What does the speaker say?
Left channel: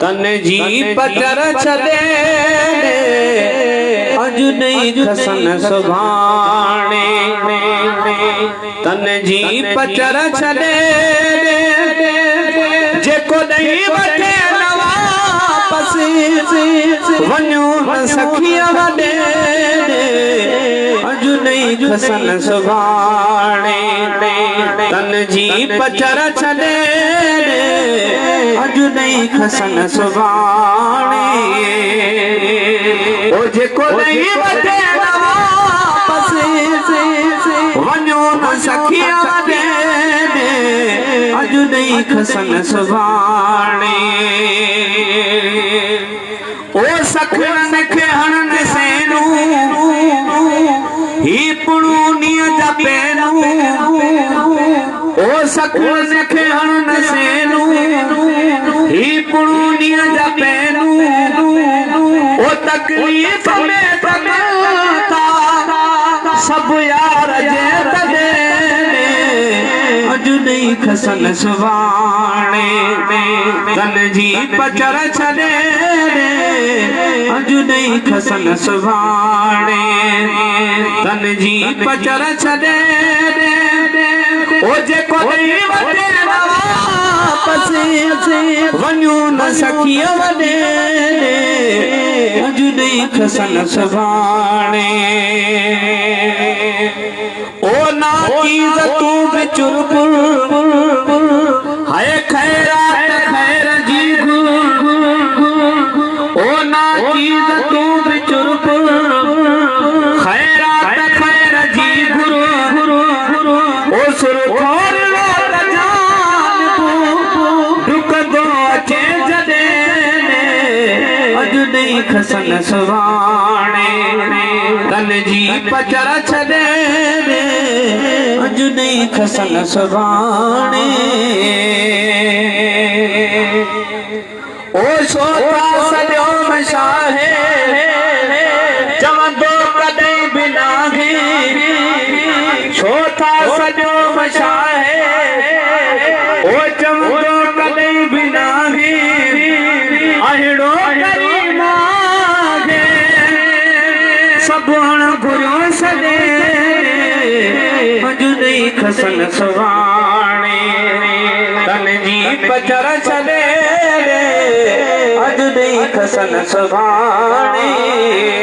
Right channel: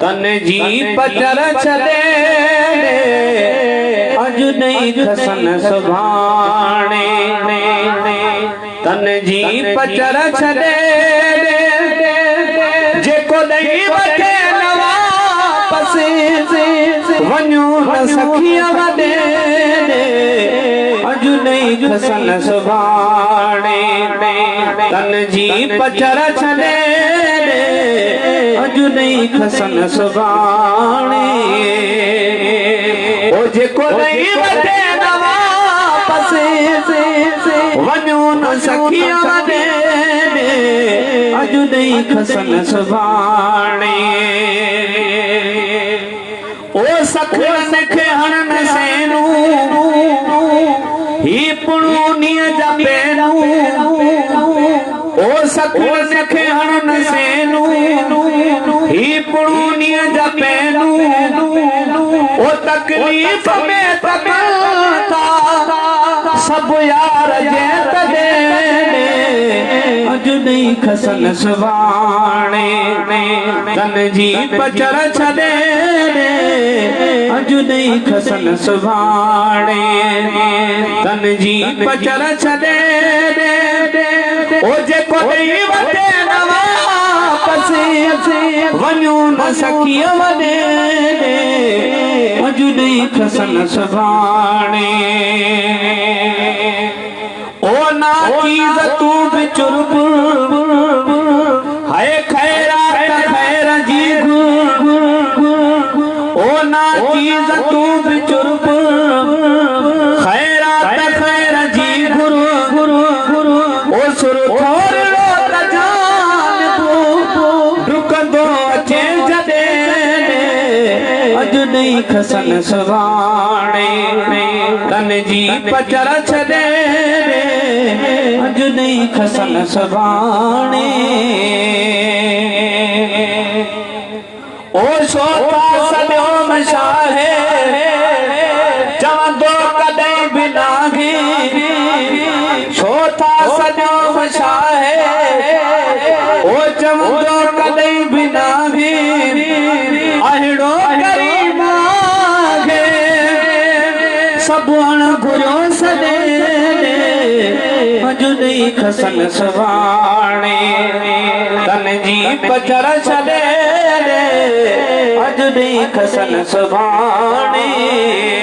तन जी पचर छॾे अॼु नहीं खसन सुभाणे तन जी पचर छॾे जेको ॾेई वठे वापस वञूं न सखिया वॾे अॼु नहीं खसन सुभाणे तन जी पचर छॾे अॼु नहीं खसन सुभाणे ओ जेको ॾेई वठे वापस वञूं न सखिया वॾे अॼु नहीं खसन सुभाणे ओ सखरन खे हणन सेनूं ही पुणूनीअ जा पेनूं ओ सखरन खे हणन सेनूं ही पुणूनीअ जा पेनूं ओ तकलीफ़ में तकता सब यार जे तॾे अॼु नहीं खसन सुभाणे तन जी पचर छॾे अॼु नहीं खसन सुभाणे तन जी पचर छॾे ओ जेको ॾेई वठे वापस वञूं न सखिया वॾे अॼु नहीं खसन सुभाणे ओ नाचीज़ तूं बि चुरपुर हाय खैरात खैर जी ओ नाचीज़ तूं बि चुरपुर खैरात खैर जी ओ सुर थोर डुकंदो अचे जॾे अॼु नहीं खसन सुभाणे तन जी पचर छॾे अॼु नहीं खसन सुभाणे ओ सोता सॼो मशाहे चवंदो कॾहिं बि नाहे सोता सॼो मशाहे ओ चवंदो कॾहिं बि नाहे अहिड़ो करीम आहे सभु अणघुरियो छॾे अॼु नहीं खसन सुभाणे तन जी पचर छॾे अॼु नहीं खसन सुभाणे।